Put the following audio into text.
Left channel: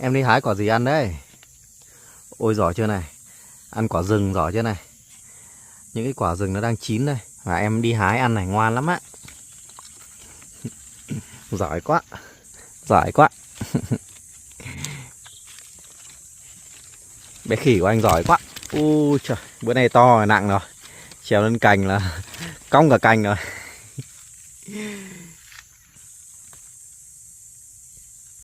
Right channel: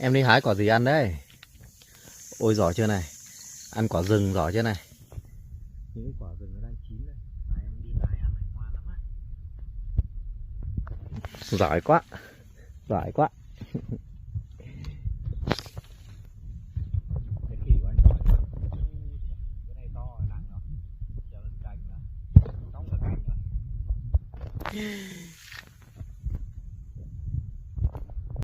Em đi hái quả gì ăn đấy? Ôi giỏi chưa này. Ăn quả rừng giỏi chưa này. Những cái quả rừng nó đang chín đây. Và em đi hái ăn này ngoan lắm á. Giỏi quá. Giỏi quá. Bé khỉ của anh giỏi quá. Ui trời, bữa nay to rồi, nặng rồi. Trèo lên cành là cong cả cành rồi.